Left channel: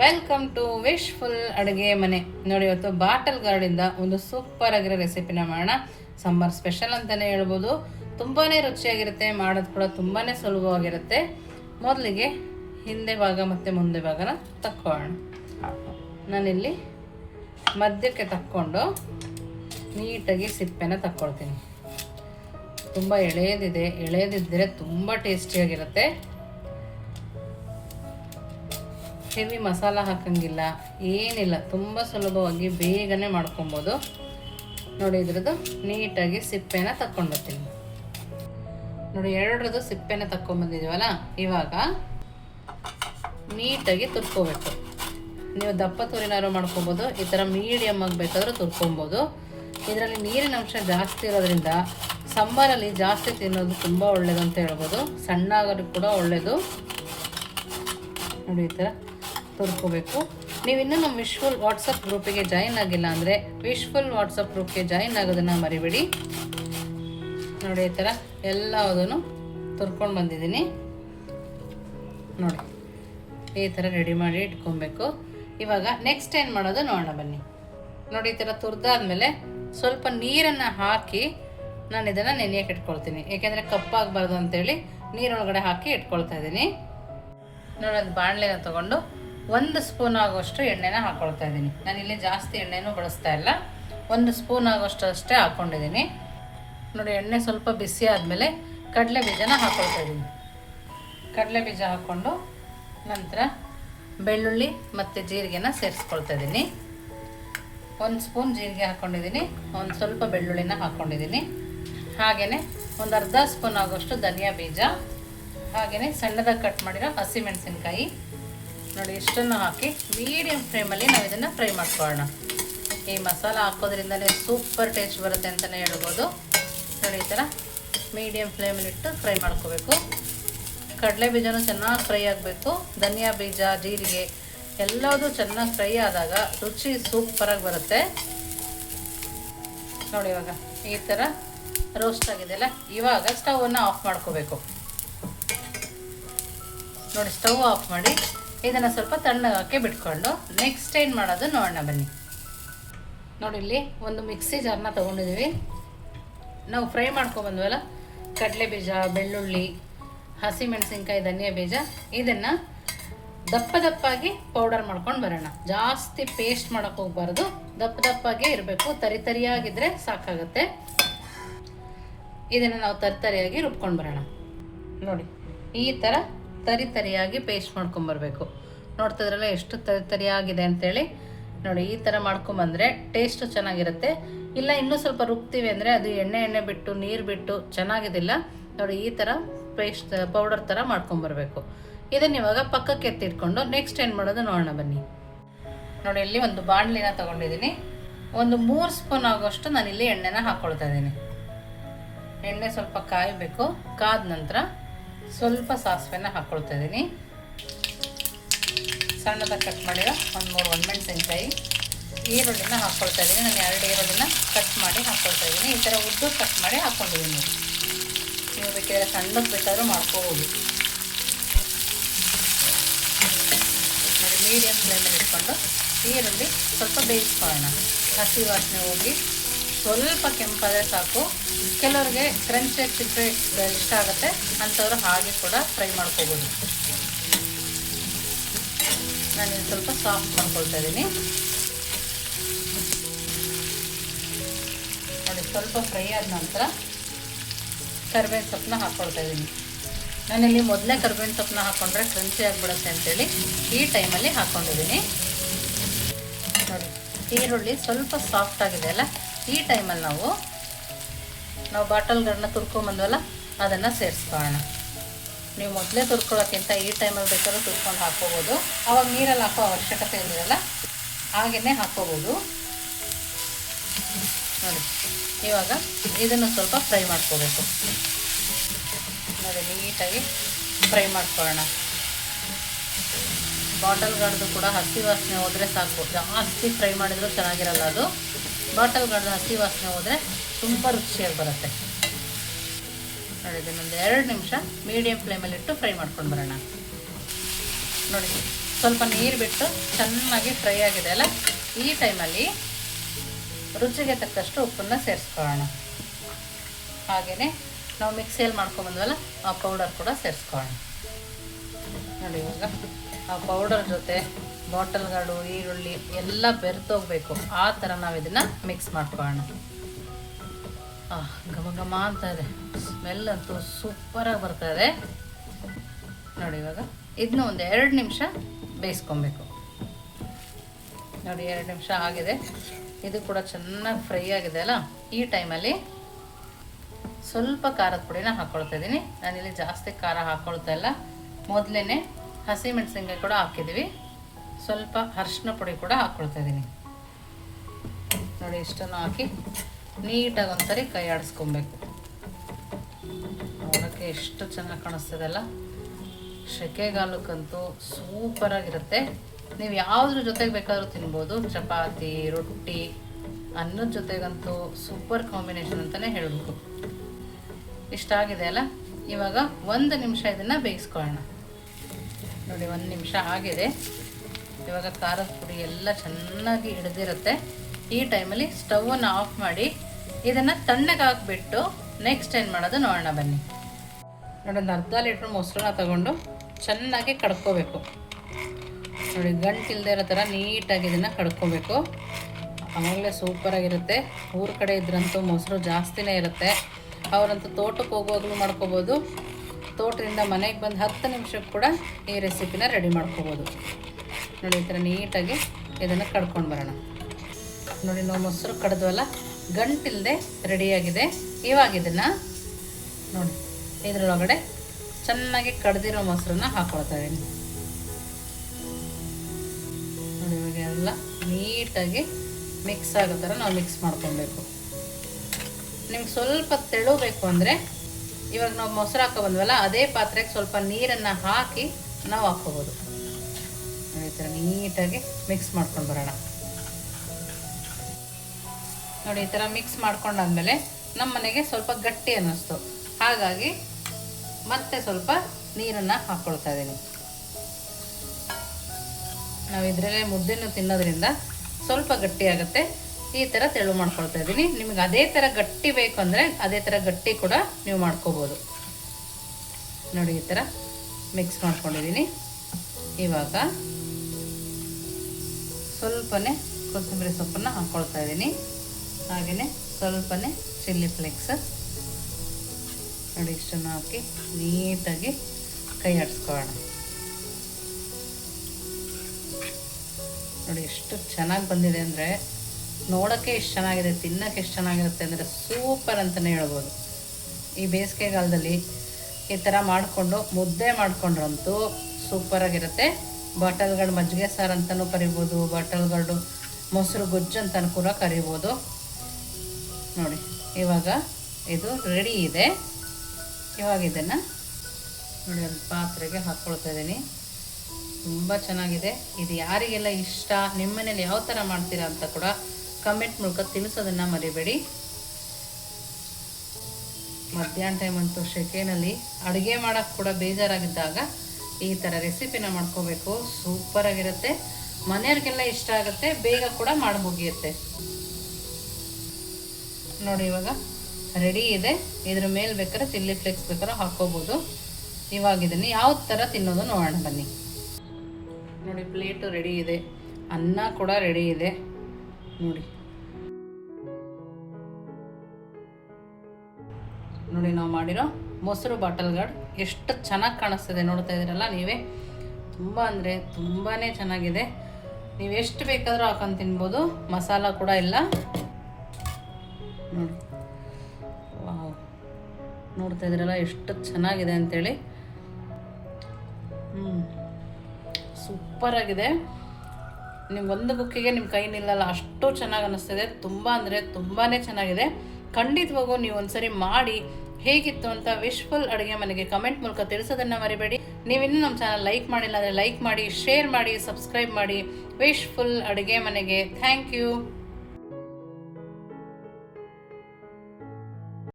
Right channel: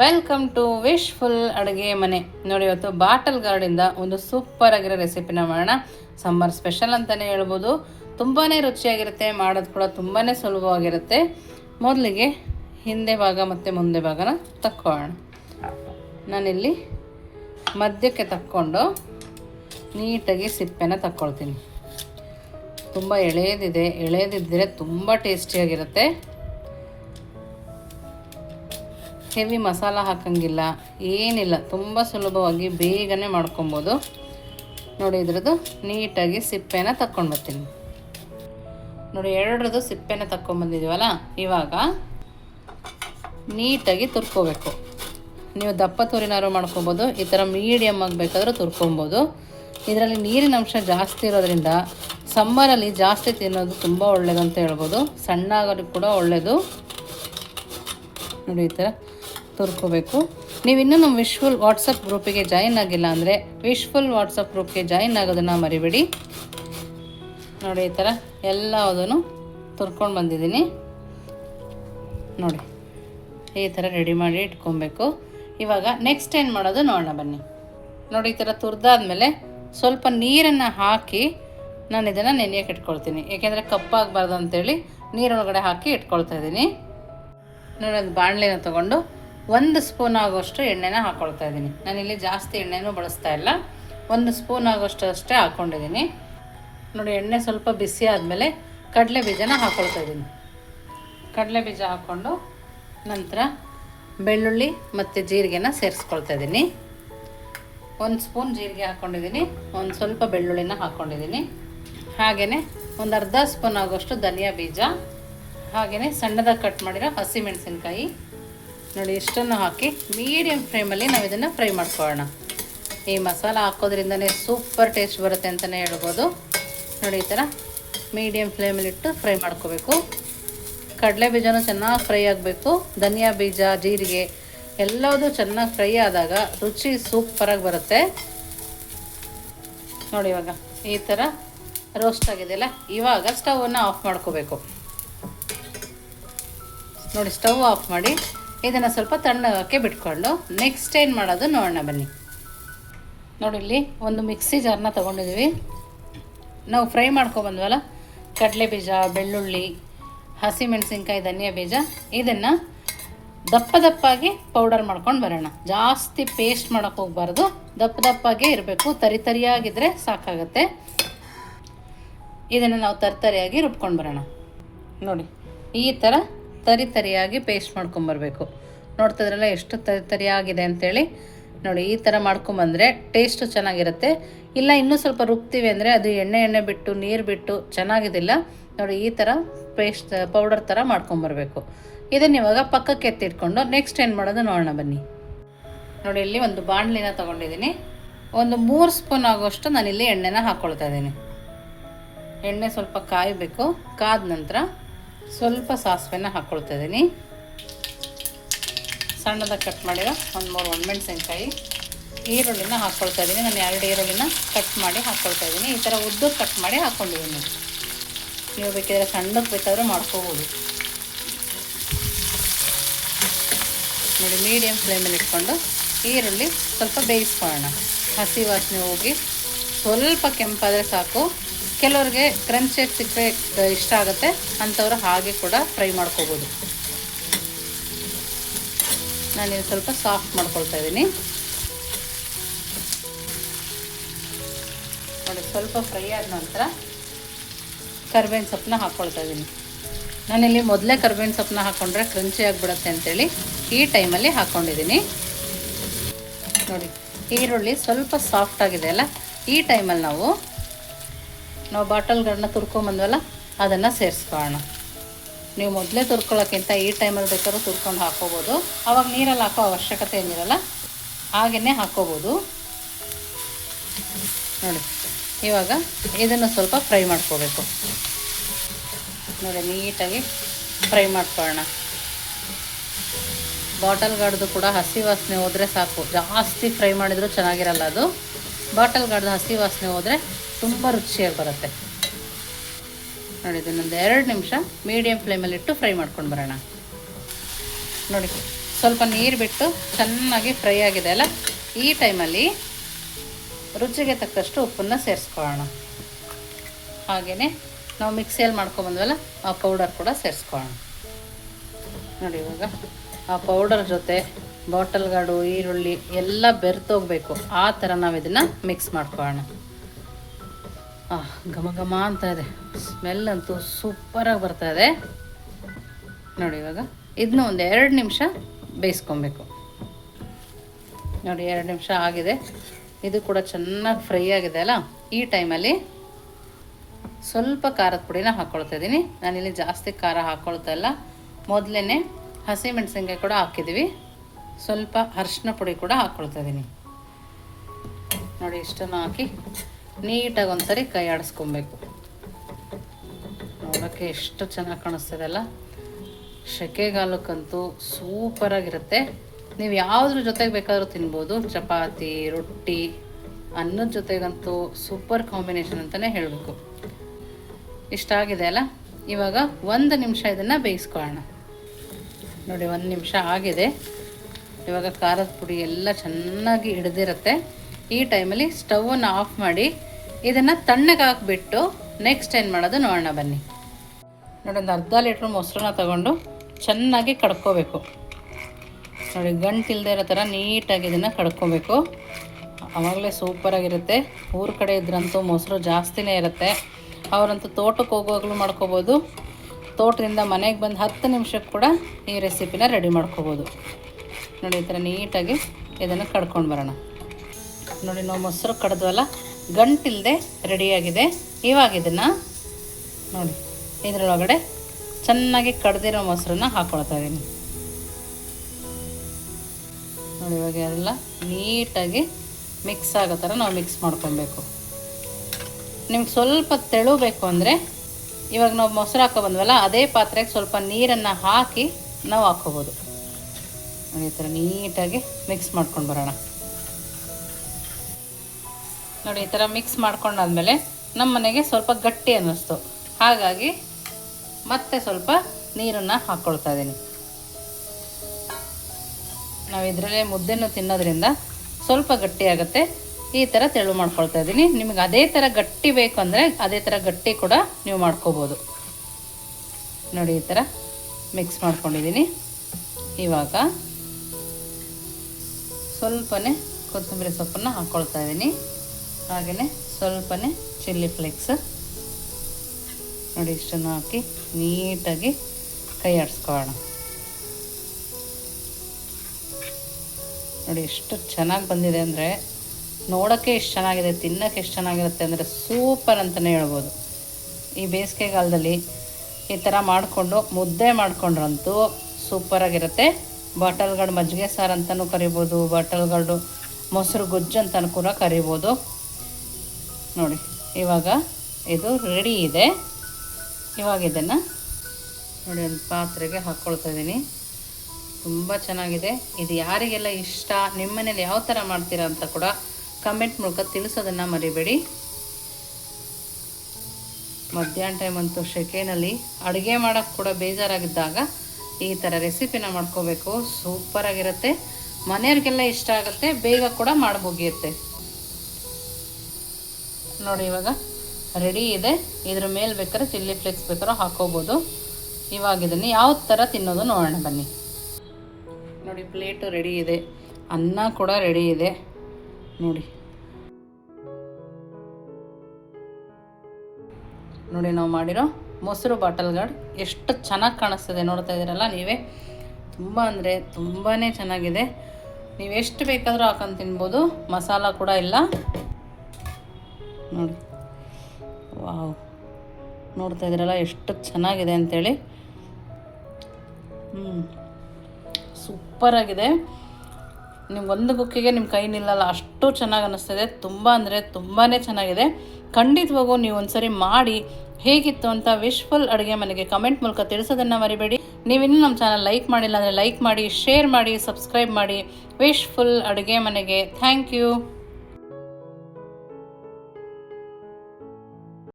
Welcome to wishful ಅಡುಗೆ ಮನೆ. ನೋಡಿ, ಇವತ್ತು ಬಾಟಲ್ ಗಾರ್ಡಿಂದ ಒಂದು ಸೂಪರ್ ಆಗಿರೋ ರೆಸಿಪಿನ ಮಾಡೋಣ. ಸಮ್ಮರ್ ಸ್ಪೆಷಲ್ ಅಂತಲೇ ಹೇಳ್ಬೋದು. ತುಂಬಾ ರುಚಿಯಾಗಿರುತ್ತೆ, ಮಾಡೋದು ಕೂಡ ತುಂಬಾ ಸುಲಭವಾಗಿರುತ್ತೆ. ಮೊದಲಿಗೆ ಹಿಂದೆ ಭಾಗ ಮತ್ತು ಮುಂದೆ ಭಾಗನ ತಕ್ಕೊಳ್ಳೋಣ. ನಾನಿಲ್ಲಿ ಮಧ್ಯಕ್ಕೆ ತಕ್ಕೊಂಡು ನೀಟಾಗಿ ಸಿಪ್ಪೆನ ತಕ್ಕೊಳ್ತೀನಿ. ತುಂಬ ಎಳೆದಿದ್ದರೆ ತುಂಬ ಟೇಸ್ಟಿಯಾಗಿರುತ್ತೆ. ಹೆವಿ ಮಸಾಲ ಹಾಕಂಗಿಲ್ಲ, ಏನಿಲ್ಲ, ತುಂಬ ಸುಲಭವಾಗಿ ಬೇಗನೆ ಮಾಡ್ಕೊಬೋದು. ನೋಡಿ, ಇದ್ರದ್ದು ನೀಟಾಗಿ ಸಿಪ್ಪೆನ ತಕ್ಕೊಂಡು ಬರ್ತೀನಿ. ನೋಡಿ, ಎರಡರದ್ದು ಸಿಪ್ಪೆನ ತಕ್ಕೊಂಬಂದಿದ್ದೀವಲ್ಲ, ಇವಾಗ ನೀಟಾಗಿ ತುರ್ಕೋಬೇಕು. ನೀವು ದಪ್ಪ ತುರಿನಾರು ಮಾಡ್ಕೊಬೋದು, ಈ ಥರ ಮೀಡಿಯಮ್ ಆಗಿ ಬೇಕಾದರೂ ತುರ್ಕೊಬೋದು. ಇದರಲ್ಲಿ ನೀರಿನ ಅಂಶ ಜಾಸ್ತಿ ಇರೋದ್ರಿಂದ ಸಮ್ಮರಲ್ಲಿ ಜಾಸ್ತಿ ತಿನ್ನೋದು ತುಂಬ ಒಳ್ಳೆಯದು ಅಂತ ಹೇಳ್ಬೋದು. ಸಣ್ಣ ಆಗೋದಕ್ಕೆ ಕೂಡ ಒಳ್ಳೆಯದು. ನೋಡಿ, ಈ ಥರ ತುರ್ಕೋಬೇಕು. ನೀವಿನ್ನೂ ನಮ್ಮ ವಿಶ್ಫುಲ್ ವಾಟ್ಸಪ್ ಗ್ರೂಪಿಗೆ ಜಾಯಿನ್ ಆಗಿಲ್ಲ ಅಂದರೆ ವಿಶ್ಫುಲ್ ವಾಟ್ಸಪ್ ಗ್ರೂಪ್ಗೆ ಜಾಯಿನ್ ಆಗೋದನ್ನು ಮರಿಬೇಡಿ. ನೋಡಿ, ಈ ಥರ ಎಲ್ಲದನ್ನು ತುರ್ಕೊಂಡು ಬಂದಿದ್ದೀನಿ. ನೋಡಿ, ಈ ಥರ ರೆಡಿ ಮಾಡಿ ಇಟ್ಕೊಬೇಕು. ಇವಾಗ ನೆಕ್ಸ್ಟ್ ಏನು ಮಾಡೋದು ನೋಡೋಣ ಬನ್ನಿ. ನೋಡಿ, ಈ ಥರ ತುರಿದಾದ್ಮೇಲೆ ಸ್ವಲ್ಪ ನೀರನ್ನು ಹಾಕಿ ನಾನು ಇದನ್ನು ನೆನೆಯೋಕೆ ಇಟ್ಕೊಳ್ತೀನಿ. ಏಕೆಂದರೆ ಕಪ್ಪಾಗಬಾರ್ದು ಅಂತೇಳಿ ನೀರೊಳಗಡೆ ಹಾಕಿ ಇಟ್ಕೊಳ್ತಾ ಇದ್ದೀನಿ. ನೋಡಿ, ಅದು ಬಾಣಲೆನ ತೊಗೊಂಡು 1 ಸ್ಪೂನ್ ಆಗೋಷ್ಟು ಎಣ್ಣೆನ ಹಾಕ್ಕೊಳ್ತಾ ಇದ್ದೀನಿ. ನಾನಿಲ್ಲಿ ಜಾಸ್ತಿ ಎಣ್ಣೆನೂ ಬಳಸ್ತಾ ಇಲ್ಲ, 1 ಸ್ಪೂನ್ ಆಗೋಷ್ಟು ಅಷ್ಟೇ ಹಾಕ್ಕೊಂಡಿದ್ದೀನಿ. ನೋಡಿ, ಎಣ್ಣೆ ಸ್ವಲ್ಪ ಬಿಸಿ ಆದಮೇಲೆ ಕಡಲೆ ಬೀಜನ ಹಾಕ್ಕೊಳ್ತಾ ಇದ್ದೀನಿ. ಕಡಲೆ ಬೀಜ ಹಾಕ್ಕೊಂಡು ನಂತರ ಬೆಳ್ಳುಳ್ಳಿ ಮತ್ತು ಜೀರಿಗೆನ ಸೇರಿಸ್ಕೊಳ್ತಾ ಇದ್ದೀನಿ. 1 ಸ್ಪೂನ್ ಜೀರಿಗೆ ಹಾಕ್ಕೊಂಡಿದ್ದೀನಿ, ಒಂದು ಸ್ವಲ್ಪ ಬೆಳ್ಳುಳ್ಳಿನ ಹಾಕ್ಕೊಂಡಿದ್ದೀನಿ. ಹಾಗೆಯೇ ಒಂದು ಅರ್ಧ ಸ್ಪೂನ್ ಆಗೋಷ್ಟು ಧನಿಯಾ ಬೀಜ, ಹಾಗೆಯೇ ಸಣ್ಣದಾಗಿ ಕಟ್ ಮಾಡಿರೋ ಹಸಿಮೆಣಸಿನ್ಕಾಯಿ. ನೋಡಿ, ಇಷ್ಟನ್ನು ಹಾಕಿ ಮೀಡಿಯಮ್ ಫ್ಲೇಮಲ್ಲಿ ನಾವು ಇದನ್ನು ಫ್ರೈ ಮಾಡ್ಕೊಳ್ಳೋಣ. ಈ ಮಸಾಲ ಹಾಕೋದ್ರಿಂದನೇ ಸೂಪರ್ ಟೇಸ್ಟ್ ಬರುತ್ತೆ ಅಂತಲೇ ಹೇಳ್ಬೋದು. ನೋಡಿ, ಈ ಥರ ಮೀಡಿಯಮ್ ಫ್ಲೇಮಲ್ಲಿಟ್ಟು ಫ್ರೈ ಮಾಡ್ಕೋಬೇಕು. ಕಡಲೆ ಬೀಜನೂ ಚೆನ್ನಾಗಿ ಫ್ರೈ ಆಗಬೇಕು. ಧನಿಯಾ ಬೀಜ, ಜೀರಿಗೆ ಎಲ್ಲದೂ ಚೆನ್ನಾಗಿ ಫ್ರೈ ಆದಾಗ ರುಚಿ ಸೂಪರಾಗಿ ಬರುತ್ತೆ. ನೋಡಿ, ಇವಾಗ ಈ ಥರ ರೋಸ್ಟ್ ಆಗಿದೆಯಲ್ಲ, ಇವಾಗ ಸ್ಟವನ್ನು ಆಫ್ ಮಾಡ್ಕೋಬೇಕು. ನೋಡಿ, ಸ್ಟವ್ ಆಫ್ ಮಾಡಿ ಇದನ್ನು ಸ್ವಲ್ಪ ತಣ್ಣಗಾಕೆ ಬಿಟ್ಕೊಂಡು ನೆಕ್ಸ್ಟ್ ಏನು ಮಾಡೋದು ನೋಡೋಣ ಬನ್ನಿ. ನೋಡಿ, ಇಲ್ಲಿ ಒಂದು ಮಿಕ್ಸಿ ಜಾರ್ನ ತೊಗೊಂಡಿದ್ದೀವಿ. ನಾವು ಫ್ರೈ ಮಾಡ್ಕೊಬಂದ್ವಲ್ಲ ಕಡಲೆ ಬೀಜ, ಬೆಳ್ಳುಳ್ಳಿ, ಹಸಿಮೆಣಸಿನ್ಕಾಯಿ, ಧನಿಯಾ ಬೀಜ, ಇದನ್ನು ದಪ್ಪಾಗಿ ಪೌಡರ್ ಮಾಡ್ಕೊಂಡು ಬರೋಣ. ಜಾಸ್ತಿ ಪೇಸ್ಟ್ ಮಾಡೋಕ್ಕೆ ಹೋಗ್ಬಾರ್ದು, ದಪ್ಪಾಗೇ ಇರಬೇಕು. ತರಿಯಾಗಿದ್ದರೆ ಸಾಕಾಗುತ್ತೆ. ಇದನ್ನು ನಾವು ತರಿಯಾಗಿ ರುಬ್ಕೊಂಡು ಬರೋಣ. ನೋಡಿ, ಈ ಥರ ತರಿಯಾಗಿ ಪೇಸ್ಟ್ ಮಾಡ್ಕೊಂಬರ್ಬೇಕು. ನೋಡ್ತಿದ್ರಲ್ಲ ಎಷ್ಟು ತರಿಯಾಗಿದೆ ಅಂತೇಳಿ. ನೋಡಿ, ಈ ಥರ ಮಾಡ್ಕೊಂಬಂದರೆ ಟೇಸ್ಟು ಚೆನ್ನಾಗಿರುತ್ತೆ. ಇಲ್ಲ ಇನ್ನೂ ಸ್ವಲ್ಪ ರುಬ್ತೀವಿ ಅಂದರೆ ಅದು ಎಣ್ಣೆ ಬಿಟ್ಟು ನೀರು ಬಿಟ್ಟು ಚೆನ್ನಾಗಿದ್ದಿಲ್ಲ. ನೋಡಿ, ಈ ಥರ ಪೇಸ್ಟ್ ಪೌಡರ್ ಥರ ಮಾಡ್ಕೊಂಬರ್ಬೇಕು. ಇದನ್ನು ಇವಾಗ ಪಕ್ಕಕ್ಕೆ ಎತ್ತಿಟ್ಕೊಂಡು ನೆಕ್ಸ್ಟ್ ಏನು ಮಾಡೋದು ನೋಡೋಣ ಬನ್ನಿ. ನೋಡಿ, ಇಲ್ಲಿ ಒಂದು ಬಾಣಲಿನ ತೊಗೊಂಡಿದ್ದೀನಿ. ಒಂದು 3 ಸ್ಪೂನ್ ಆಗೋಷ್ಟು ನಾನಿಲ್ಲಿ ಎಣ್ಣೆನ ಹಾಕ್ಕೊಳ್ತಾ ಇದ್ದೀನಿ. ಎಣ್ಣೆ ಸ್ವಲ್ಪ ಕಾಯಬೇಕು. ಕಾದ ನಂತರ ಸ್ವಲ್ಪ ಸಾಸಿವೆನ ಹಾಕ್ಕೊಳ್ತಾ ಇದ್ದೀನಿ. ಸಣ್ಣದಾಗಿ ಕಟ್ ಮಾಡಿರೋ ಒಂದು 3 ಒಣಮೆಣಸಿನ್ಕಾಯಿ, ಈರುಳ್ಳಿನ ಹಾಕ್ಕೊಳ್ತಾ ಇದ್ದೀನಿ. ನಾನು 2 ಈರುಳ್ಳಿನ ಕಟ್ ಮಾಡಿ ಹಾಕ್ಕೊಳ್ತಾ ಇದ್ದೀನಿ. ಈ ಥರ ಉದ್ದು ಕಟ್ ಮಾಡಿ ಹಾಕ್ಕೊಂಡಿದ್ದೀನಿ. ನೀವು ಬೇಕಿದ್ರೆ ಸಣ್ಣಕ್ಕೆ ಬೇಕಾದರೂ ಮಾಡ್ಕೋಬೋದು. ನೋಡಿ, ಮೀಡಿಯಮ್ ಫ್ಲೇಮಲ್ಲಿ ಇಟ್ಕೊಂಡು ಈರುಳ್ಳಿ ಸ್ವಲ್ಪ ಬೇಯಿಸ್ಕೊಳ್ಳೋಣ. ಹಸಿ ವಾಸನೆ ಹೋಗಿ ಸ್ವಲ್ಪ ಕೆಂಪಾದರೆ ಸಾಕು. ಕೆಲವ್ರಿಗೆ ಕ್ರಂಚಿಯಾಗಿ ಸಿಕ್ಕರೆ ಇಷ್ಟ ಆಗುತ್ತೆ, ಅಂಥವ್ರು ಹಾಗೆ ಕೂಡ ಫ್ರೈ ಮಾಡ್ಕೋಬೋದು. ನಾನಿದು ಸ್ವಲ್ಪ ಸಾಫ್ಟ್ ಮಾಡ್ಕೊಳ್ತಾ ಇದ್ದೀನಿ. ನೋಡಿ, ಸ್ವಲ್ಪ ಫ್ರೈ ಆದ ನಂತರ ಕರಿಬೇವಿನ ಸೊಪ್ಪನ್ನ ಹಾಕ್ಕೊಳ್ತಾ ಇದ್ದೀನಿ. ನಾನಿಲ್ಲಿ ಮೊದಲೇ ಕರಿಬೇವಿನ ಸೊಪ್ಪನ್ನ ಹಾಕ್ಕೊಂಡ್ರೆ ಕ್ರಂಚಿ ಆಗಿಬಿಡುತ್ತೆ ಅಂತೇಳಿ ಈ ಟೈಮಲ್ಲಿ ಹಾಕ್ಕೊಂಡಿದ್ದೀನಿ. ನೋಡಿ, ಈರುಳ್ಳಿ ಸ್ವಲ್ಪ ಸಾಫ್ಟ್ ಆಗಿದೆ ಅಲ್ಲ, ಈ ಟೈಮಲ್ಲಿ ನಾವು ಬಾಟಲ್ಗಳನ್ನ ತುರ್ಕೊಂಬಂದ್ವಲ್ಲ ಅದನ್ನು ಸೇರಿಸ್ಕೊಳ್ಳೋಣ. ನೀವು ಮೊದಲೇ ತುರ್ಕೊಳ್ಳೋಕ್ಕಿಂತ ಈ ಟೈಮಲ್ಲಿ ಬೇಕಾದ್ರೂ ತುರ್ಕೊಂಡು ಹಾಕ್ಕೋಬೋದು. ಆವಾಗ ನೀರಲ್ಲಿ ಹಾಕೋ ಅವಶ್ಯಕತೆ ಏನಿರಲ್ಲ, ಹಾಗೆಯೇ ಹಾಕ್ಕೋಬೋದು. ನೋಡಿ, ಇವಾಗ ಇದನ್ನು ಸ್ವಲ್ಪ ಫ್ರೈ ಮಾಡ್ಕೋಬೇಕು. ನೋಡಿ, ನೀಟಾಗಿ ಫ್ರೈ ಮಾಡ್ಕೊಳ್ಳೋಣ. ಬಾಟಲ್ ಗಾರ್ಡ್ದು ಕೂಡ ಹಸಿ ವಾಸನೆ ಹೋದರೆ ಸಾಕು. ಜಾಸ್ತಿ ಫ್ರೈ ಮಾಡಿದರೂ ಚೆನ್ನಾಗಿರಲ್ಲ ಅದು. ಬಾಟಲ್ ಗಾರ್ಡ್ದು ಹಸಿ ವಾಸನೆ ಹೋದರೆ ತುಂಬ ರುಚಿಯಾಗಿ ಬರುತ್ತೆ. ನೋಡಿ, ಇದನ್ನೊಂದು 2 ನಿಮಿಷ ಮೀಡಿಯಮ್ ಫ್ಲೇಮಲ್ಲಿಟ್ಟು ಫ್ರೈ ಮಾಡ್ಕೊಂಡು ಬರೋಣ. ನೋಡಿ, ಸ್ವಲ್ಪ ನೀರು ಬಿಟ್ಟು ಚೆನ್ನಾಗಿ ಫ್ರೈ ಆಗಿದೆ ಅಲ್ಲ, ಈ ಟೈಮಲ್ಲಿ ರುಚಿಗೆ ತಕ್ಕಷ್ಟು ಉಪ್ಪನ್ನು ಸೇರಿಸ್ಕೊಳ್ಳೋಣ. ಹಾಗೆಯೇ ನಾವು ಮಿಕ್ಸಿಯಲ್ಲಿ ಮಾಡ್ಕೊಬಂದ್ವಲ್ಲ ಆ ಪೌಡರ್ ಕೂಡ ಸೇರಿಸ್ಕೊಳ್ಳೋಣ. ನೋಡಿ ಇವಾಗ ಆ ಪೌಡರ್ ಜೊತೆ ಬಾಟಲ್ ಗಾರ್ಡು, ಈರುಳ್ಳಿ ಎಲ್ಲ ಬೆರೆತೋಗ್ಬೇಕು. ಆ ಥರ ನಾವು ಇದನ್ನು ಮಿಕ್ಸ್ ಮಾಡ್ಕೊಳ್ಳೋಣ. ಘಮ ಘಮ ಅಂತ ಇದೆ, ಸ್ಮೆಲ್ ಅಂತೂ ಸೂಪರಾಗಿ ಬರ್ತಾಯಿದೆ. ನೋಡಿ ಇವಾಗ ಇದನ್ನ ಒಂದು 2 ನಿಮಿಷ ಬೇಯಿಸ್ಕೊಬೇಕು. ನೋಡಿ 2 ನಿಮಿಷ ಆಗಿದೆ. ಇದು ಕೂಡ ಚೆನ್ನಾಗಿ ಫ್ರೈ ಆಗಿದೆ ಅಲ್ಲ, ಈ ಟೈಮಲ್ಲಿ ಸ್ವಲ್ಪ ಖಾರದ ಪುಡಿನ ಹಾಕ್ಕೊಳ್ತಾ ಇದ್ದೀನಿ. ನಾನಿಲ್ಲಿ ಜಾಸ್ತಿ ಖಾರ ಹಾಕ್ಕೊಳ್ತಾ ಇಲ್ಲ. ಮೊದಲೇ ಹಸಿಮೆಣಸಿನ್ಕಾಯಿ ಕೂಡ ಹಾಕಿದ್ದೀವಿ. ಸ್ವಲ್ಪ ಅರಿಶಿನ ಪುಡಿ ಕೂಡ ಹಾಕ್ಕೊಳ್ತಾ ಇದ್ದೀನಿ. ನೋಡಿ ಇಷ್ಟನ್ನು ಹಾಕಿ ನೀಟಾಗಿ ಒಂದ್ಸರಿ ಕೈ ಆಡಿಸ್ಕೊಬೇಕು. ನೋಡೋಕ್ಕೆ ಎಷ್ಟು ಚೆನ್ನಾಗಿ ಕಾಣಿಸ್ತಿದೆ ಅಲ್ಲ. ಸೆಕೆಗಾಲಕ್ಕಂತೂ ಸೂಪರಾಗಿರುತ್ತೆ. ನೀವು ಯಾವುದ್ರ ಜೊತೆಗೆ ಬೇಕಾದರೂ ತಿನ್ಬೋದು. ಚಪಾತಿ, ರೊಟ್ಟಿ, ಅನ್ನದ ಜೊತೆಗಂತೂ ಸೂಪರ್ ಕಾಂಬಿನೇಷನ್ ಅಂತಲೇ ಹೇಳಬೇಕು. ಇಷ್ಟ ಆಗಿದೆ ಅಲ್ಲ. ಇವಾಗ 1 ನಿಮಿಷ ಇದನ್ನು ಬೇಯಿಸ್ಕೊಳ್ಳೋಣ. ನೋಡಿ 1 ನಿಮಿಷ ಆಗಿದೆ. ಇವಾಗ ಖಾರದ ಪುಡಿ ಎಲ್ಲ ಚೆನ್ನಾಗಿ ಹಿಡಿದಿರುತ್ತೆ. ಈ ಟೈಮಲ್ಲಿ ಸ್ಟವನ್ನು ಆಫ್ ಮಾಡಿ ಇದನ್ನು ತಣ್ಣಗೆ ಹಾಕಿಬಿಟ್ಟು ನೆಕ್ಸ್ಟ್ ಏನು ಮಾಡೋದು ನೋಡೋಣ ಬನ್ನಿ. ನೋಡಿ ಒಂದು ಅರ್ಧ ಲೀಟ್ರ್ ಮೊಸರನ್ನ ತಗೊಂಡು ಚೆನ್ನಾಗಿ ಕಡ್ಕೋಬೇಕು. ನೋಡಿ ಗಂಟಿಲ್ಲದೆ ಇರೋ ಥರ ನೀಟಾಗಿ ಇದನ್ನು ಕಡ್ಕೋಬೇಕು. ಆವಾಗಲೇ ಸೂಪರಾಗಿರುತ್ತೆ. ಊರ ಕಡೆ ಇದ್ರಂತೂ ಮೊಸರು ಜಾಸ್ತಿನೇ ಇರುತ್ತೆ. ಅವರಂತೂ ತೋಟಕ್ಕೆ ಹೋಗುವಾಗಲೂ ಮಾಡ್ಕೋಬೋದು. ತೋಟದಿಂದ ಮನೆಗೆ ಬಂದು 10 ನಿಮಿಷಕ್ಕೆ ಕೂಡ ಈ ರೆಸಿಪಿನ ರೆಡಿ ಮಾಡ್ಕೋಬೋದು. ನೋಡಿ ಈ ಥರ ನೀಟಾಗಿ ಇದನ್ನು ಕಡ್ಕೊಂಡು ಬರೋಣ. ನೋಡಿ ನಾವು ಮೊಸರು ಕಡ್ದ್ವಲ್ಲ, ಗಂಟಿಲ್ಲದೆ ರೆಡಿಯಾಗಿದೆ. ಇವಾಗ ಇದನ್ನು ನೋಡಿ ಇದರೊಳಗಡೆ ಚೆನ್ನಾಗಿ ಕಡ್ದಿರೋ ಮೊಸರನ್ನ ಹಾಕ್ಕೊಳ್ತಾ ಇದ್ದೀನಿ. ನೋಡಿ ಇವಾಗ ಎಲ್ಲ ನೀಟಾಗಿ ಮಿಕ್ಸ್ ಆಗೋ ಥರ ನಾವು ಮಿಕ್ಸ್ ಮಾಡ್ಕೊಬೇಕು. ನಿಮ್ಗೆ ಸ್ವಲ್ಪ ತೆಳು ಬೇಕು ಅಂದರೆ ಇವಾಗ ನಾವು ಮೊಸರು ಹಾಕೋ ಬಂದ್ವಲ್ಲ, ಅದೇ ಪಾತ್ರೆಗೆ ಸ್ವಲ್ಪ ನೀರನ್ನು ಹಾಕಿ ನಾವು ಹಾಕ್ಕೋಬೋದು. ಈ ಥರ ನೀಟಾಗಿ ಮಿಕ್ಸ್ ಮಾಡ್ಕೊಂಡು ಬರೋಣ. ನೋಡಿ ಈ ಥರ ಮಿಕ್ಸ್ ಮಾಡ್ಕೊಂಡಾದ್ಮೇಲೆ ನಮ್ಮ ಮನೆಗೆ ಸ್ವಲ್ಪ ಗಟ್ಟಿ ಅನ್ನಿಸ್ತು. ಹಾಗಾಗಿ ಮತ್ತೆ ಸ್ವಲ್ಪ ನೀರನ್ನು ಹಾಕ್ಕೊಳ್ತಾ ಇದ್ದೀನಿ. ನಾವು ಇದರಲ್ಲೇ ಮುದ್ದೆನೂ ತಿನ್ನೋದ್ರಿಂದ ಸ್ವಲ್ಪ ಗಟ್ಟಿ ಆಗುತ್ತೆ. ಈ ಥರ ತೆಳು ಮಾಡ್ಕೊಳ್ತಾ ಇದ್ದೀನಿ. ನಿಮಗೆ ಅದೇ ಥರ ಗಟ್ಟಿ ಬೇಕು ಅಂದರೆ ಅದೇ ಥರ ಗಟ್ಟಿ ಕೂಡ ನೀವು ಮಾಡ್ಕೋಬೋದು. ನೋಡಿ ಈ ಥರ ಮಿಕ್ಸ್ ಮಾಡ್ಕೊಂಡಿದ್ದೀನಿ. ಇವಾಗ ಸ್ವಲ್ಪನೇ ಕೊತ್ತಂಬರಿ ಸೊಪ್ಪನ್ನು ಹಾಕ್ಕೊಳ್ತಾ ಇದ್ದೀನಿ. ಹಾಗೆಯೇ ಸ್ವಲ್ಪನೇ ಚಿಲ್ಲಿ ಫ್ಲೇಕ್ಸ್. ನೋಡಿ ಇಷ್ಟನ್ನು ಹಾಕಿ ನೀಟಾಗಿ ಕೈ ಆಡಿಸ್ಕೊಳ್ಳೋಣ. ನೋಡಿ ಎಷ್ಟು ಚೆನ್ನಾಗಿ ಬಂದಿದೆ ಅಂದರೆ, ನೋಡೋಕ್ಕೆ ಎಷ್ಟು ಚೆನ್ನಾಗಿದೆ, ತಿನ್ನೋಕ್ಕೆ ಎಷ್ಟು ಚೆನ್ನಾಗಿರುತ್ತೆ ಅಂದರೆ ಸೂಪರ್ ಅಂತಲೇ ಹೇಳ್ಬೋದು. ಈ ಬೇಸಿಗೆಗಾಲದಲ್ಲಿ ಈ ಥರ ಮಾಡಿಕೊಂಡು ಮುದ್ದೆ ಮಾಡ್ಕೊಂಡ್ರಂತೂ ಸೂಪರಾಗಿರುತ್ತೆ. ಬಾಟಲ್ಗಡ್ ಮಜ್ಜಿಗೆ ಸಾರು ಅಂತಲೂ ಕರಿಬೋದು, ಬಾಟಲ್ಗಡ್ಡು ಮೊಸರು ಗೊಜ್ಜು ಅಂತಲೂ ಕೂಡ ಕರಿಬೋದು. ನೋಡಿ ಇವಾಗ ಇದು ರೆಡಿ ಇದೆ. ಇವಾಗ ಇದನ್ನು ನೋಡಿ ಒಂದು ಪಾತ್ರೆಗೆ ಹಾಕ್ಕೊಳ್ತಾ ಇದ್ದೀನಿ. ತುಂಬ ಚೆನ್ನಾಗಿದೆ. ಇದು ಯಾರಿಗೆಲ್ಲ ಇಷ್ಟ, ನಿಮ್ಮ ಮನೇಲಿ ಯಾವ ಥರ ಮಾಡ್ತೀರಾ ಅಂತ ಕೂಡ ಕಮೆಂಟ್ ಮೂಲಕ ತಿಳಿಸೋದನ್ನು ಮರಿಬೇಡಿ. ಮಧ್ಯಾಹ್ನ ಟೈಮ್ ಅಂತೂ ಸೆಕೆನಲ್ಲಿ ಅಡುಗೆ ಮಾಡೋಕ್ಕೆ ಕೂಡ ಬೇಜಾರಾಗಿದ್ದಾಗ ಈ ಥರ ರೆಸಿಪಿನ ಮಾಡ್ಕೋಬೇಕು. ಸೂಪರಾಗಿರುತ್ತೆ. ಮನೆಯವ್ರಿಗೆಲ್ಲ ಇಷ್ಟ ಆಗುತ್ತೆ, ಬೇಗ ಕೂಡ ಮಾಡಿ ಮುಗಿಯುತ್ತೆ. ನೋಡಿ ಇವಾಗ ರೆಡಿ ಇದೆ. ಇದ್ರ ಮೇಲೆ ಬೇಕಾದ್ರೆ ಚಿಲ್ಲಿ ಫ್ಲೇಕ್ಸ್ ಬೇಕಾದ್ರೂ ಹಾಕೋಬೋದು. ಇವಾಗ ಇದನ್ನು ಯಾವ ಥರ ತಿನ್ನೋದು ನೋಡೋಣ ಬನ್ನಿ. ನೋಡಿ ಪ್ಲೇಟು ರೆಡಿ ಇದೆ, ಅನ್ನ ಕೂಡ ರೆಡಿ ಇದೆ. ನೋಡಿ ನೋಡಿ ನಾವು ಮಾಡಿರೋ ಮೊಸರು ಬಾಟಲ್ಗಾರ್ಡ್ ಎಷ್ಟು ಚೆನ್ನಾಗಿ ಕಾಣಿಸ್ತದೆ ನೋಡ್ತಾ ಇದ್ದೀರಲ್ಲ ನೀವೇ. ತುಂಬ ಅಂದರೆ ತುಂಬಾ ಚೆನ್ನಾಗಿದೆ. ನೀವು ಎಷ್ಟು ಬೇಕಾದರೂ ಹಾಕೊಂಡು ತಿನ್ಬೋದು. ಮಸಾಲ ಕೂಡ ಇಲ್ಲ. ನೋಡಿ ವಾವ್, ನೋಡ್ತಾ ಇದ್ದೀರಲ್ಲ ಎಷ್ಟು ಚೆನ್ನಾಗಿದೆ ಅಂಥೇಳಿ. ಸೂಪರಾಗಿದೆ. ನೀವು ಒಂದು ಗುಕ್ಕಿಗೆ ನಿಮ್ಮ ಕೈ ನಿಲ್ಲಲ್ಲ, ಅಷ್ಟು ಚೆನ್ನಾಗಿ ಅನ್ನಿಸ್ತದೆ. ತುಂಬ ಅಂದರೆ ತುಂಬಾ ಚೆನ್ನಾಗಿದೆ. ಖಂಡಿತವಾಗೂ ನೀವು ಒಂದ್ಸರಿ ಮಾಡಿ ಹೇಗಿತ್ತು ಅಂತ ವಿಶ್ಫುಲ್ ಅಡುಗೆ ಮನೆಗೆ ಕಮೆಂಟ್ ಮೂಲಕ ತಿಳಿಸೋದನ್ನು ಮರಿಬೇಡಿ. ನೀವಿನ್ನೂ ನಮ್ಮ ಚಾನಲ್ ಲೈಕ್ ಮಾಡಿಲ್ಲ ಅಂದರೆ ಲೈಕ್ ಮಾಡಿ, ಶೇರ್ ಮಾಡಿ, ಸಬ್ಸ್ಕ್ರೈಬ್ ಮಾಡಿ. ವಿಶ್ಫುಲ್ ಅಡುಗೆ ಮನೆಗೆ ಥ್ಯಾಂಕ್ ಯು.